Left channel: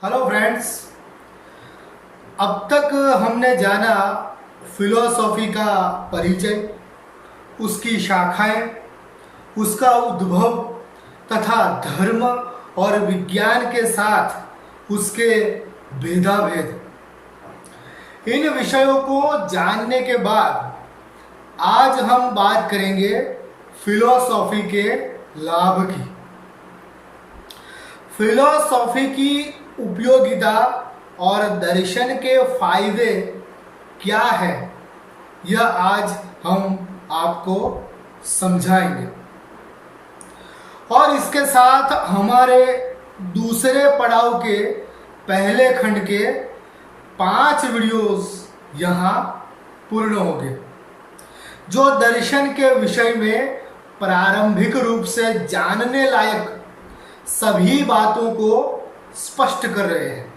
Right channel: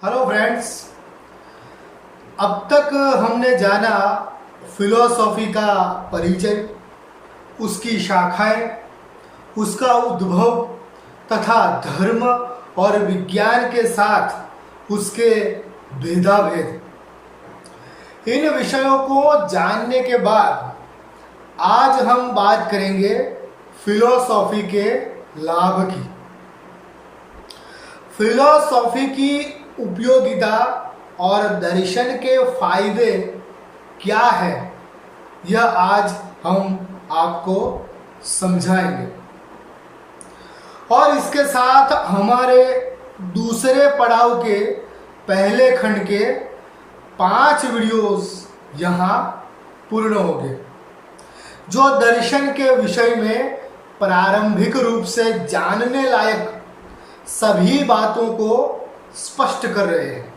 Hello friends. अब तक हमने जाना फिलोसॉफी का परिचय, उसकी शाखाएं, उसका उद्भव तथा धर्म और विज्ञान के साथ उसके भेदाभेद। इन विषयों को जानने के बाद आज हम बात करेंगे फिलोसॉफी के लाभ की। फिलोसॉफी की उपयोगिता और दर्शन के फायदे क्या है, यह आज हम आपको समझाएंगे। और इसके साथ हमारे दूसरे पड़ाव के पहले खंड के 5 वीडियोस यहाँ पूर्ण होंगे, जो दर्शन के विषय में प्रारंभिक रूप से जानने लायक सभी बातों को स्पष्ट कर रहे हैं।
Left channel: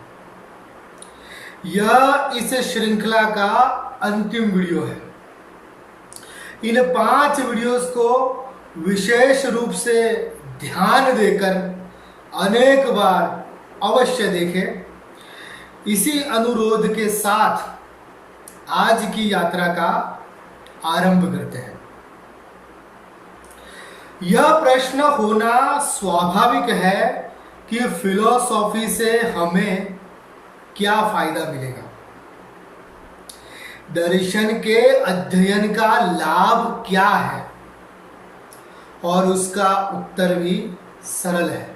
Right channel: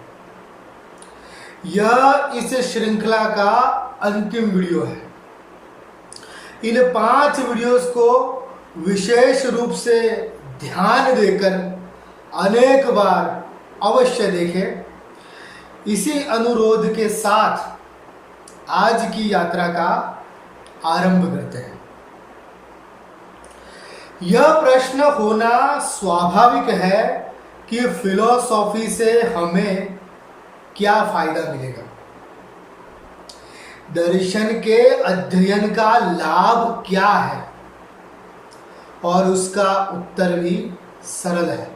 यह इस श्रृंखला का अंतिम वीडियो है। इन 5 वीडियोस को विशेष रूप से ध्यान देकर अनेक बार अवश्य देखें। इसी अनुरोध के साथ आज की यात्रा का आरंभ करते हैं। यह प्रश्न होना स्वाभाविक है कि फिलॉसफी से हमें क्या फायदा मिलेगा। दर्शन के अध्ययन का लाभ क्या है, और उसका उत्तर भी सरल है।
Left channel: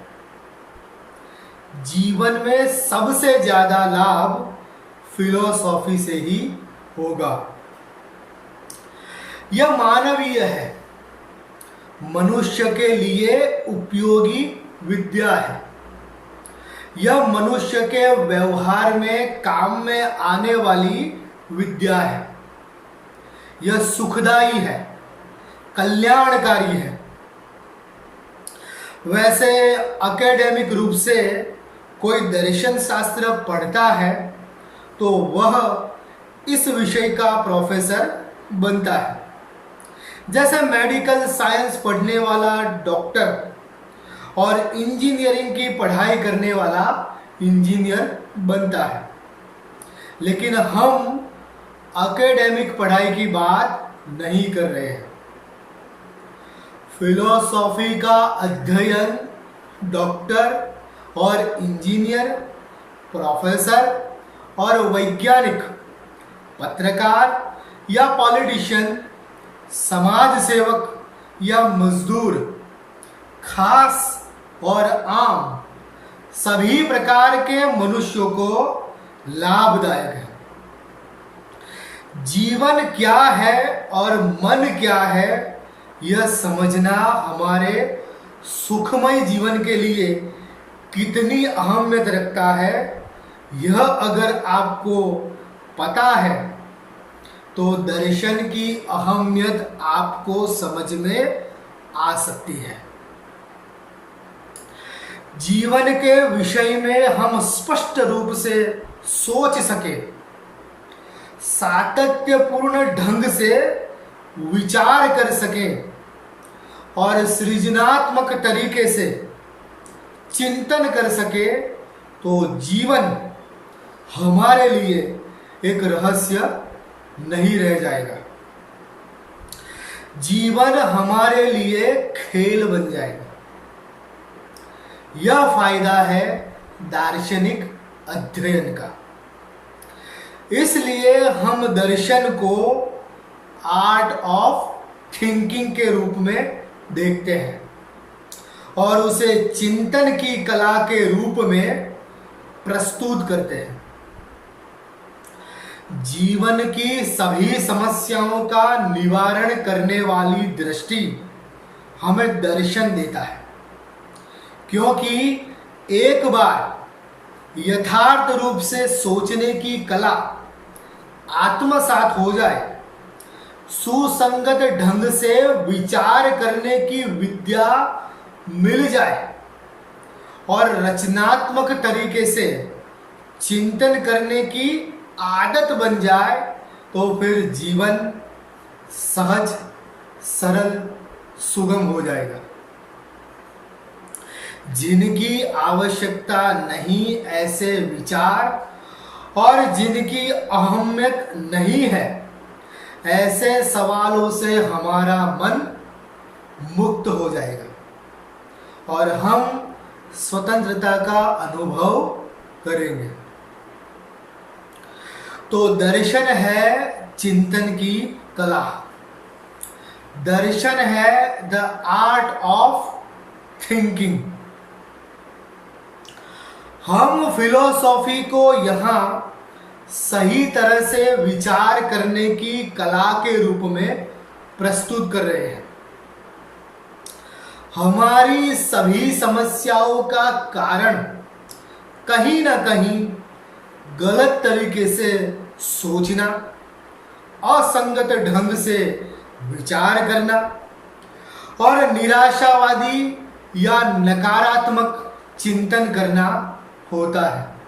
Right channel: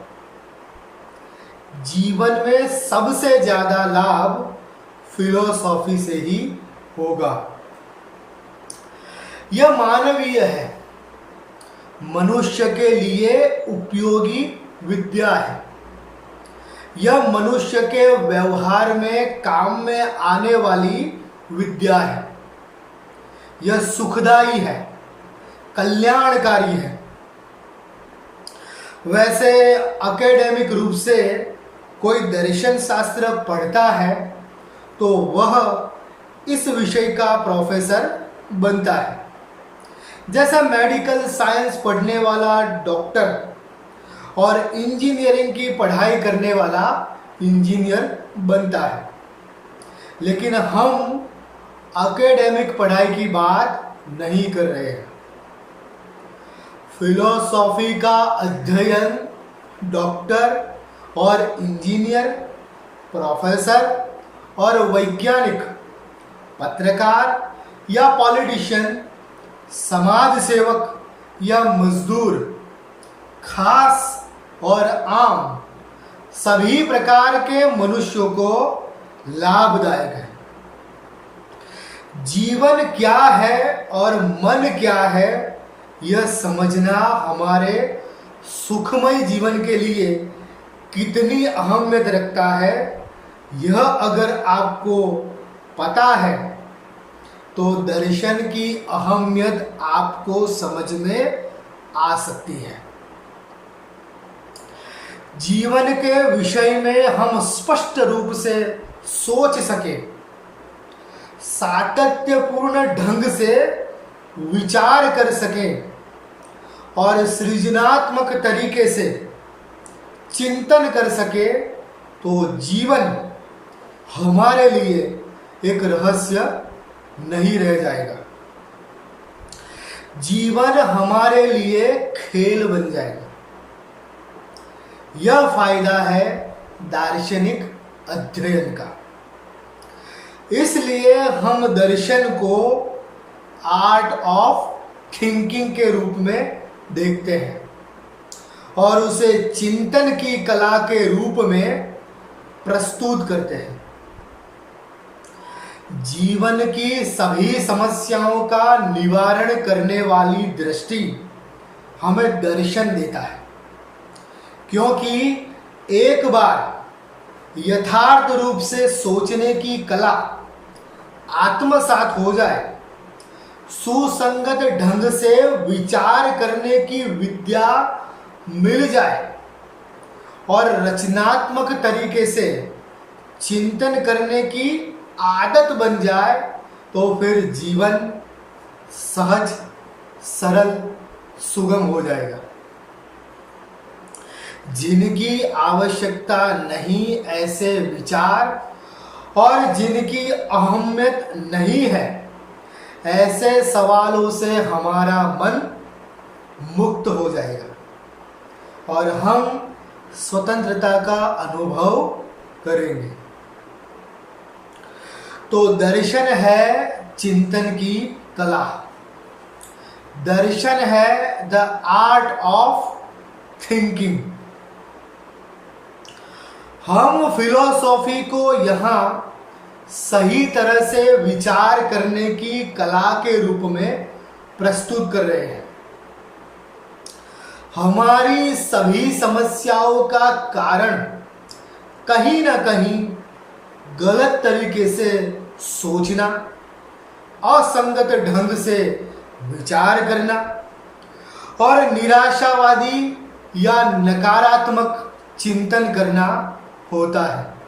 जीवन में सबसे ज्यादा लाभ फिलॉसफी से ही होगा। यह मानवीय है, मनुष्य के लिए उपयोगी विद्या है। यह मनुष्य के व्यवहार में काम में आने वाली विद्या है। यह सुखदायी है, कल्याणकारी है। वैसे एकेडमिक रूप से कोई दर्शन शास्त्र पढ़ता है तो वह इस विषय का प्रोफेसर बनता है। जैसे मेडिकल साइंस पढ़ने वाला डॉक्टर और इंजीनियरिंग की पढ़ाई करने वाला इंजीनियर बनता है। लेकिन हम एकेडमिक पढ़ाई की बात नहीं कर रहे हैं। फिलॉसफी का अध्ययन डॉक्टर और इंजीनियर, प्रोफेसर और वैज्ञानिक, पत्रकार या पॉलिटिशियन, समाज सेवक या मजदूर, खास और आम सभी प्रकार के मनुष्यों को लाभदायक है। जीवन क्या है और मन क्या है, यह समझना हमारे सुखमय जीवन के लिए कितनी अहमियत रखता है, यह अगर आपको पता है तो दर्शन की अहमियत आपको समझ में आ सकती है। जीवन के विषय में हम स्पष्ट रूप से सोच सके, सातत्यपूर्ण ढंग से विचार कर सके और सृजनात्मक तरीके से चिंतन कर सके तो जीवन हमारे लिए एक रहस्य नहीं रह जाएगा। जीवन हमारे लिए खेल बन जाएगा। यह फायदा है दार्शनिक अध्ययन का। इसलिए हम दर्शन को आर्ट ऑफ थिंकिंग के रूप में देखते हैं और उसे चिंतन की कला के रूप में प्रस्तुत करते हैं। जीवन की सभी समस्याओं का निवारण करने वाली दृष्टि हमें दर्शन देता है, क्योंकि एक बार यथार्थ रूप से सोचने की कला आत्मसात हो जाए, सुसंगत ढंग से विचार करने की विद्या मिल जाए और रचनात्मक तरीके से चिंतन करने की आदत बन जाए, तो फिर जीवन सहज, सरल, सुगम हो जाएगा। जिनकी आवश्यकता नहीं ऐसे विचार और जिनकी अहमियत नहीं है ऐसे सवालों से हमारा मन मुक्त हो जाएगा और हम स्वतंत्रता का अनुभव करेंगे। तो दर्शन है चिंतन की कला। दर्शन है द आर्ट ऑफ थिंकिंग। हम फिलोसॉफी को यहाँ सही तरह से विचार करने की कला के रूप में प्रस्तुत कर रहे हैं। हमारी सभी समस्याओं का कारण कहीं ना कहीं गलत तरीके से सोचना, असंगत ढंग से विचार करना और निराशावादी या नकारात्मक चिंतन करना होता है।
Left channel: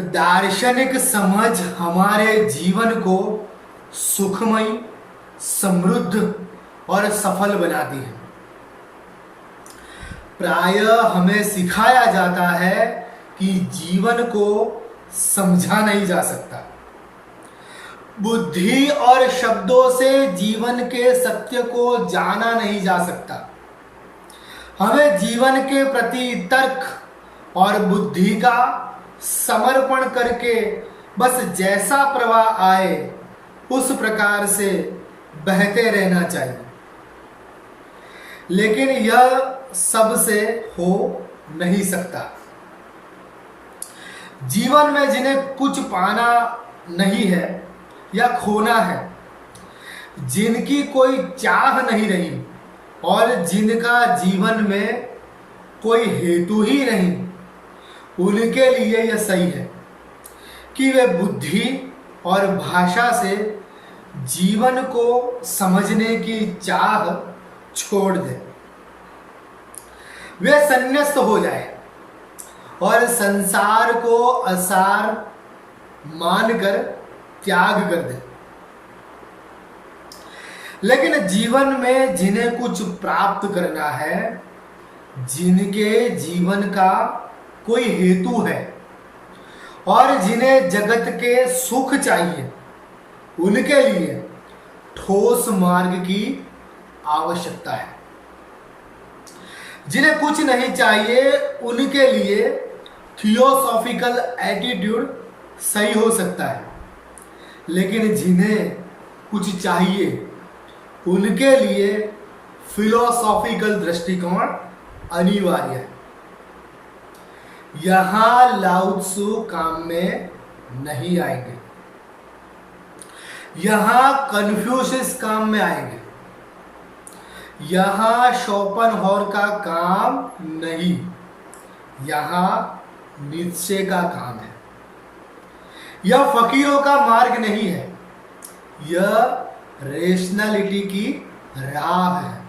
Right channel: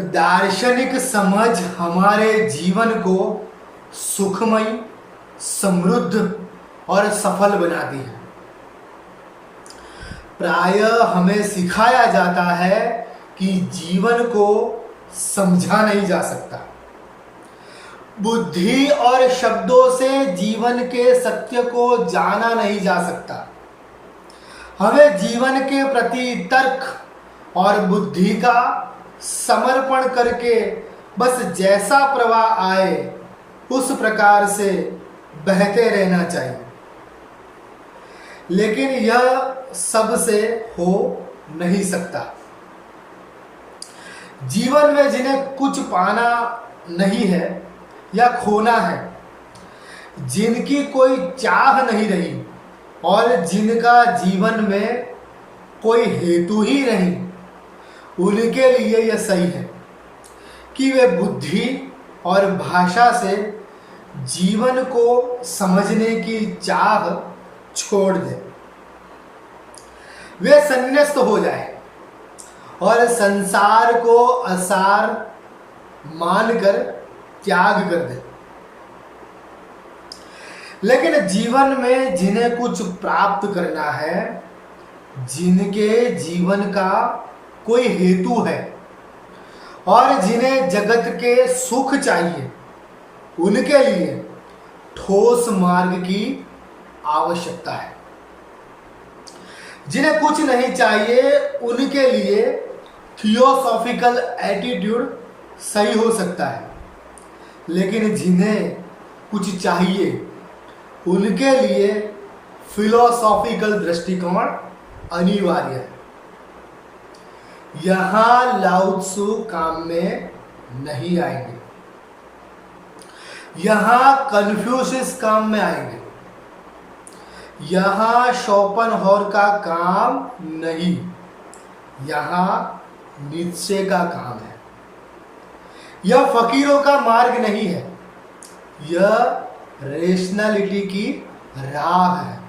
दार्शनिक समझ हमारे जीवन को सुखमय, समृद्ध और सफल बनाती है। प्रायः हमें सिखाया जाता है कि जीवन को समझा नहीं जा सकता। बुद्धि और शब्दों से जीवन के सत्य को जाना नहीं जा सकता। हमें जीवन के प्रति तर्क और बुद्धि का समर्पण करके बस जैसा प्रवाह आए उस प्रकार से बहते रहना चाहिए। लेकिन यह सबसे हो नहीं सकता। जीवन में जिन्हें कुछ पाना नहीं है या खोना है, जिनकी कोई चाह नहीं रही और जिनका जीवन में कोई हेतु ही नहीं, उनके लिए यह सही है कि वे बुद्धि और भाषा से जीवन को समझने की चाह छोड़ दे। वे संन्यास्त हो जाए और संसार को असार मानकर त्याग कर दे। लेकिन जीवन में जिन्हें कुछ प्राप्त करना है, जिनके जीवन का कोई हेतु है और जिन्हें जगत के सुख चाहिए, उनके लिए ठोस मार्ग की आवश्यकता है। जिन्हें कुछ नहीं चाहिए, उनके लिए थियोसॉफिकल एटीट्यूड सही हो सकता है। लेकिन जिन्हें कुछ चाहिए, उनके लिए फिलोसॉफिकल दृष्टिकोण अनिवार्य है। यहां लाओ त्सु काम में नहीं आएंगे। यहां कन्फ्यूशियस काम में आएंगे। यहां शोपेनहावर का काम नहीं, यहां नीत्शे का काम है। यह फकीरों का मार्ग नहीं है, यह रेशनलिटी की राह है।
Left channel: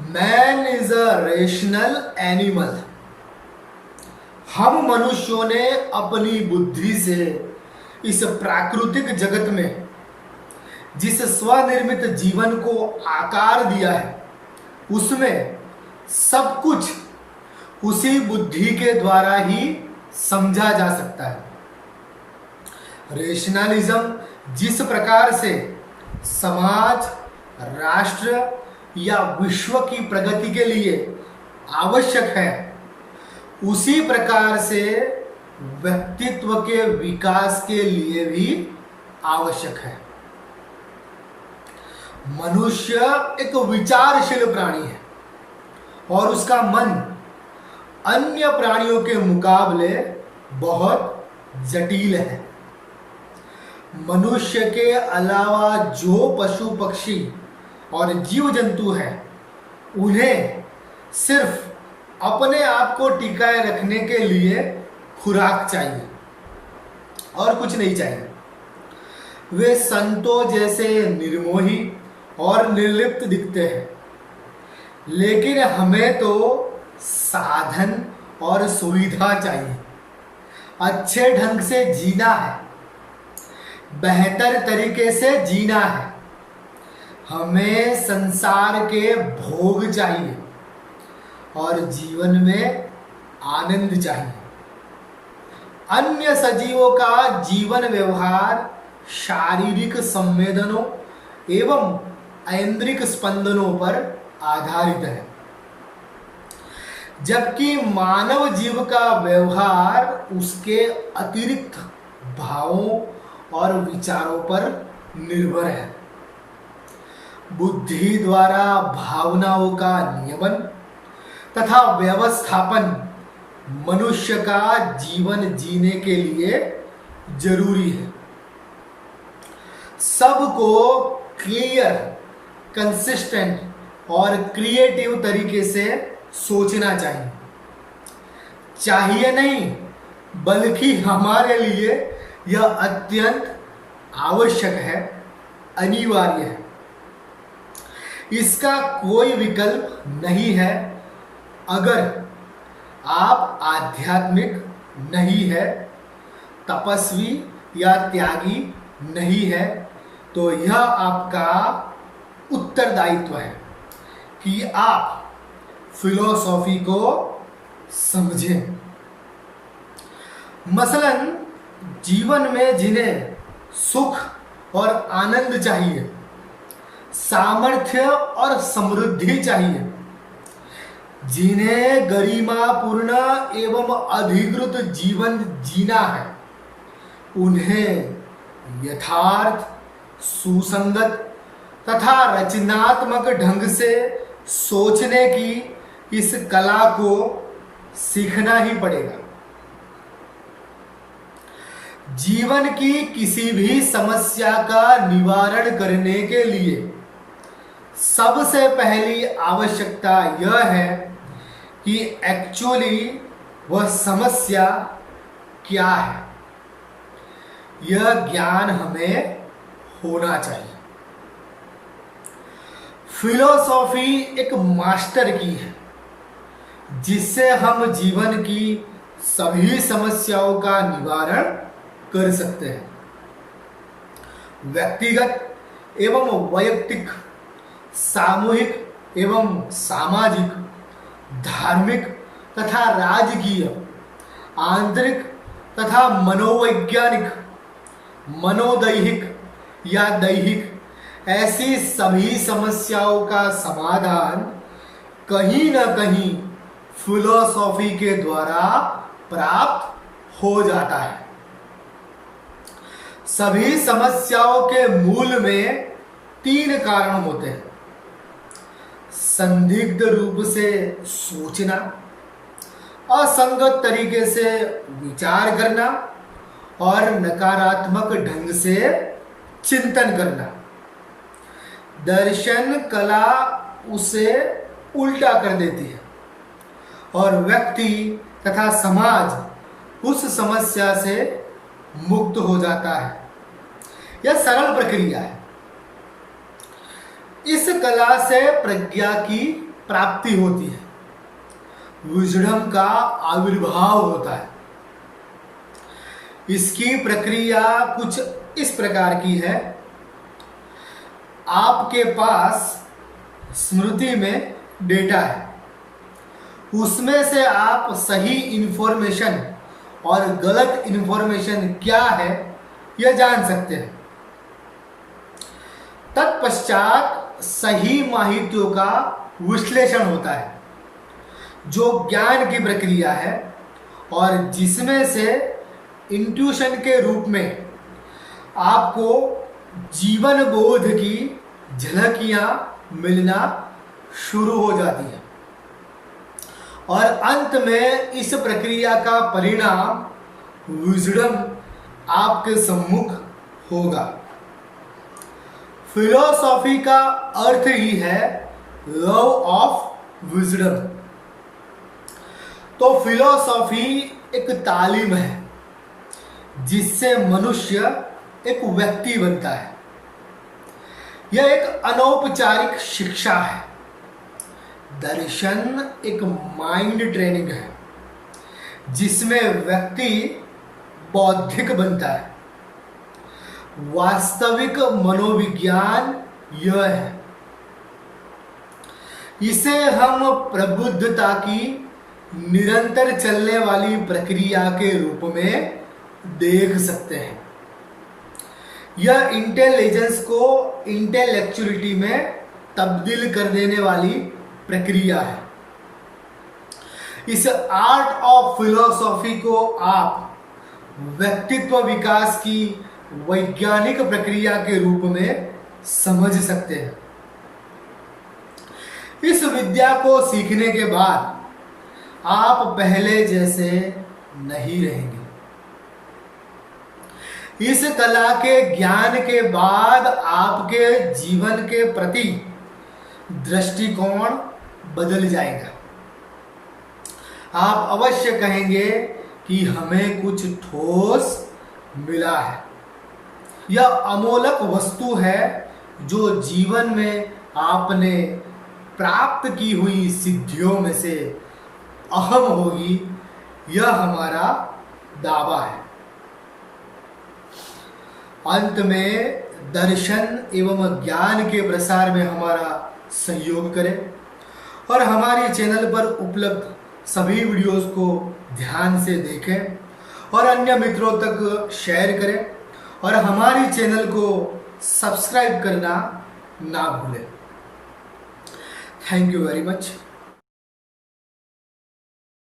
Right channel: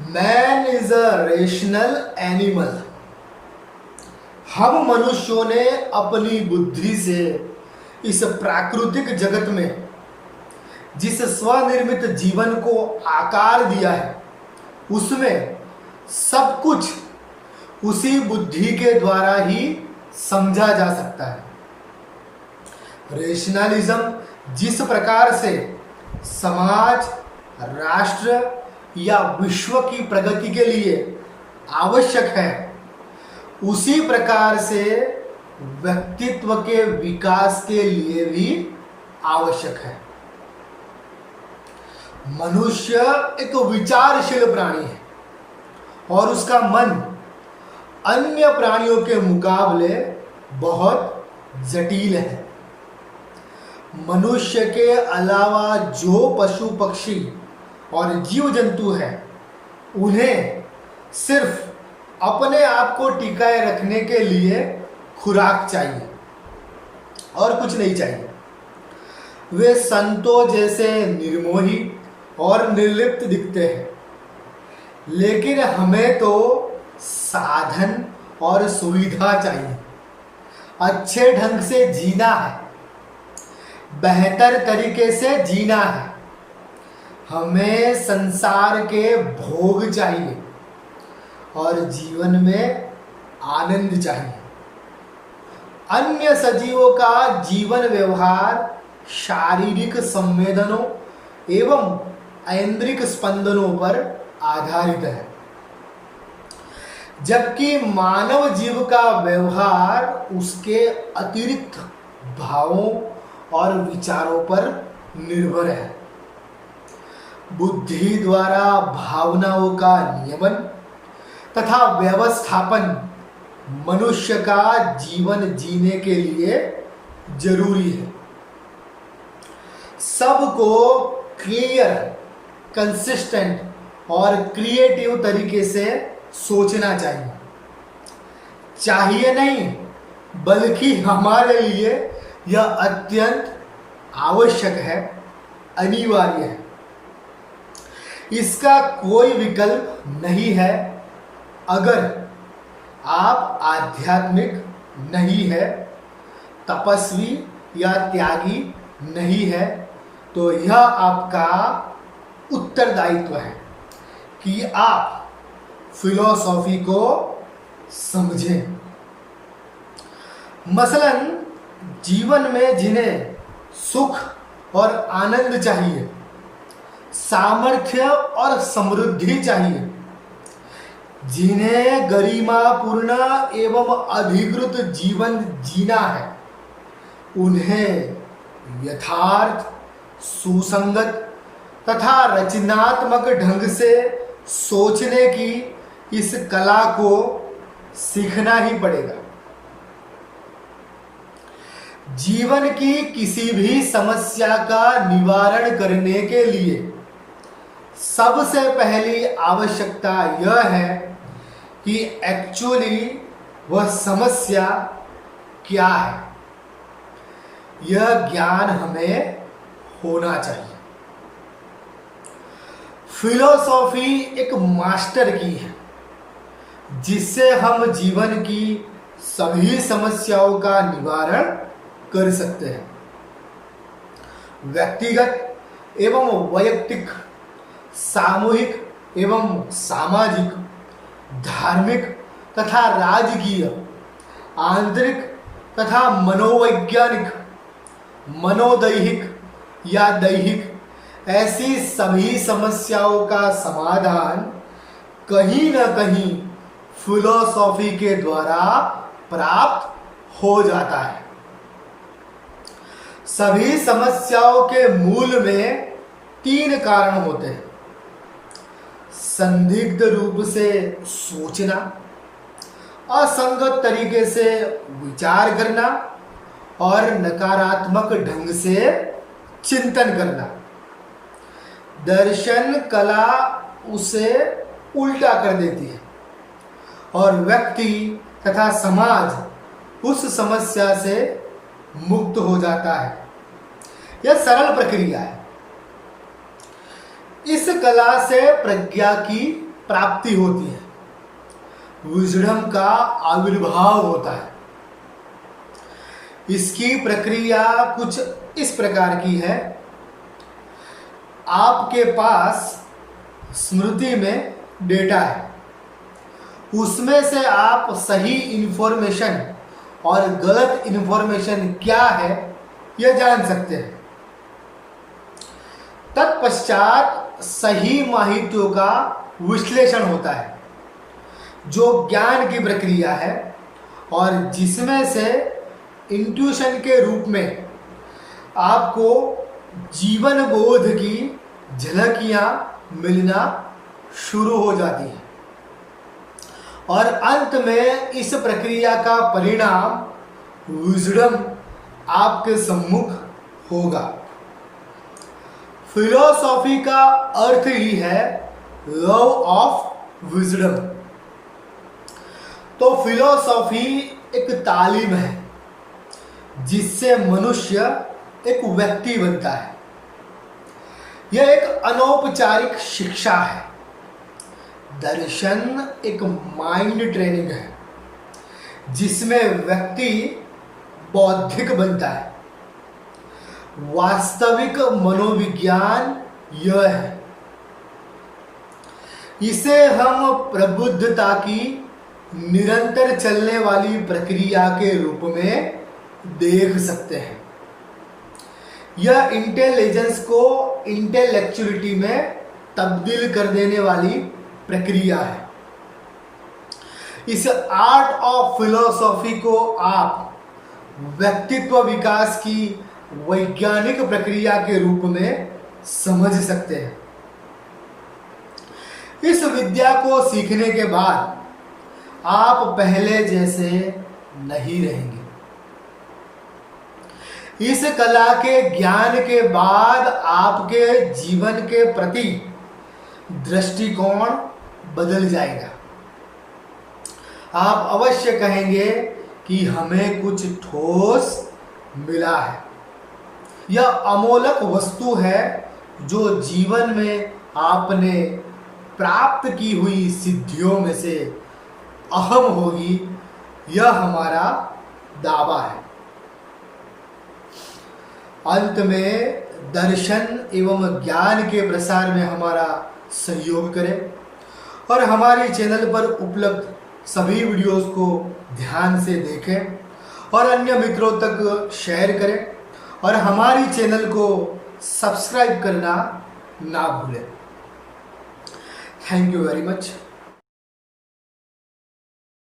Man is a rational animal. हम मनुष्यों ने अपनी बुद्धि से इस प्राकृतिक जगत में जिस स्वनिर्मित जीवन को आकार दिया है, उसमें सब कुछ उसी बुद्धि के द्वारा ही समझा जा सकता है। रेशनलिज्म जिस प्रकार से समाज, राष्ट्र या विश्व की प्रगति के लिए आवश्यक है, उसी प्रकार से व्यक्तित्व के विकास के लिए भी आवश्यक है। मनुष्य एक विचारशील प्राणी है और उसका मन अन्य प्राणियों के मुकाबले बहुत जटिल है। मनुष्य के अलावा जो पशु पक्षी और जीव जंतु हैं, उन्हें सिर्फ अपने आप को टिकाए रखने के लिए खुराक चाहिए और कुछ नहीं चाहिए। वे संतों जैसे निर्मोही और निर्लिप्त दिखते हैं, लेकिन हमें तो साधन और सुविधा चाहिए। अच्छे ढंग से जीना है, बेहतर तरीके से जीना है। हमें संसार के भोग चाहिए और जीवन में आनंद चाहिए। अन्य सजीवों का जीवन व्यवहार शारीरिक संवेदनों एवं ऐन्द्रिक स्पंदनों पर आधारित है, जबकि मानव जीव का व्यवहार उसके अतिरिक्त भावों और विचारों पर निर्भर है। बुद्धि द्वारा भावनाओं का नियमन तथा व्यवस्थापन मनुष्य का जीवन जीने के लिए जरूरी है। सबको क्लियर, कंसिस्टेंट और क्रिएटिव तरीके से सोचना चाहिए। चाहिए नहीं, बल्कि हमारे लिए यह अत्यंत आवश्यक है, अनिवार्य है। इसका कोई विकल्प नहीं है। अगर आप आध्यात्मिक नहीं है, तपस्वी या त्यागी नहीं है, तो यह आपका उत्तरदायित्व है कि आप फिलॉसफी को समझें। मसलन जीवन में जिन्हें सुख और आनंद चाहिए, सामर्थ्य और समृद्धि चाहिए, जिन्हें गरिमापूर्ण एवं अधिकृत जीवन जीना है, उन्हें यथार्थ, सुसंगत तथा रचनात्मक ढंग से सोचने की इस कला को सीखना ही पड़ेगा। जीवन की किसी भी समस्या का निवारण करने के लिए सबसे पहली आवश्यकता यह है कि एक्चुअली वह समस्या क्या है। यह ज्ञान हमें होना चाहिए। फिलॉसफी एक मास्टर की है, जिससे हम जीवन की सभी समस्याओं का निवारण कर सकते हैं। व्यक्तिगत एवं वैयक्तिक, सामूहिक एवं सामाजिक, धार्मिक तथा राजकीय, आंतरिक तथा मनोवैज्ञानिक, मनोदैहिक या दैहिक, ऐसी सभी समस्याओं का समाधान कहीं न कहीं फिलॉसफी के द्वारा प्राप्त हो जाता है। सभी समस्याओं के मूल में 3 कारण होते हैं: संदिग्ध रूप से सोचना, असंगत तरीके से विचार करना और नकारात्मक ढंग से चिंतन करना। दर्शन कला उसे उल्टा कर देती है और व्यक्ति तथा समाज उस समस्या से मुक्त हो जाता है। यह सरल प्रक्रिया है। इस कला से प्रज्ञा की प्राप्ति होती है, विजडम का आविर्भाव होता है। इसकी प्रक्रिया कुछ इस प्रकार की है: आपके पास स्मृति में डेटा है, उसमें से आप सही इंफॉर्मेशन और गलत इंफॉर्मेशन क्या है यह जान सकते हैं। तत्पश्चात सही माहितियों का विश्लेषण होता है, जो ज्ञान की प्रक्रिया है और जिसमें से इंट्यूशन के रूप में आपको जीवन बोध की झलकियां मिलना शुरू हो जाती हैं और अंत में इस प्रक्रिया का परिणाम विजडम आपके सम्मुख होगा। फिलॉसफी का अर्थ ही है लव ऑफ विजडम। तो फिलॉसफी एक तालीम है जिससे मनुष्य एक व्यक्ति बनता है। यह एक अनौपचारिक शिक्षा है। दर्शन एक माइंड ट्रेनिंग है जिसमें व्यक्ति बौद्धिक बनता है। वास्तविक मनोविज्ञान यह है इसे हम प्रबुद्धता की निरंतर चलने वाली प्रक्रिया के रूप में देख सकते हैं। यह इंटेलिजेंस को इंटेलेक्चुअलिटी में तब्दील कर देने वाली प्रक्रिया है। इस आर्ट ऑफ फिलॉसफी को आप व्यक्तित्व विकास की वैज्ञानिक प्रक्रिया के रूप में समझ सकते हैं। इस विद्या को सीखने के बाद आप पहले जैसे नहीं रहेंगे। इस कला के ज्ञान के बाद आपके जीवन के प्रति दृष्टिकोण बदल जाएगा। आप अवश्य कहेंगे कि हमें कुछ ठोस मिला है। यह अमोलक वस्तु है जो जीवन में आपने प्राप्त की हुई सिद्धियों में से अहम होगी, यह हमारा दावा है। अंत में दर्शन एवं ज्ञान के प्रसार में हमारा सहयोग करें और हमारे चैनल पर उपलब्ध सभी वीडियोस को ध्यान से देखें और अन्य मित्रों तक शेयर करें और हमारी चैनल को सब्सक्राइब करना ना भूलें। Thank you very much.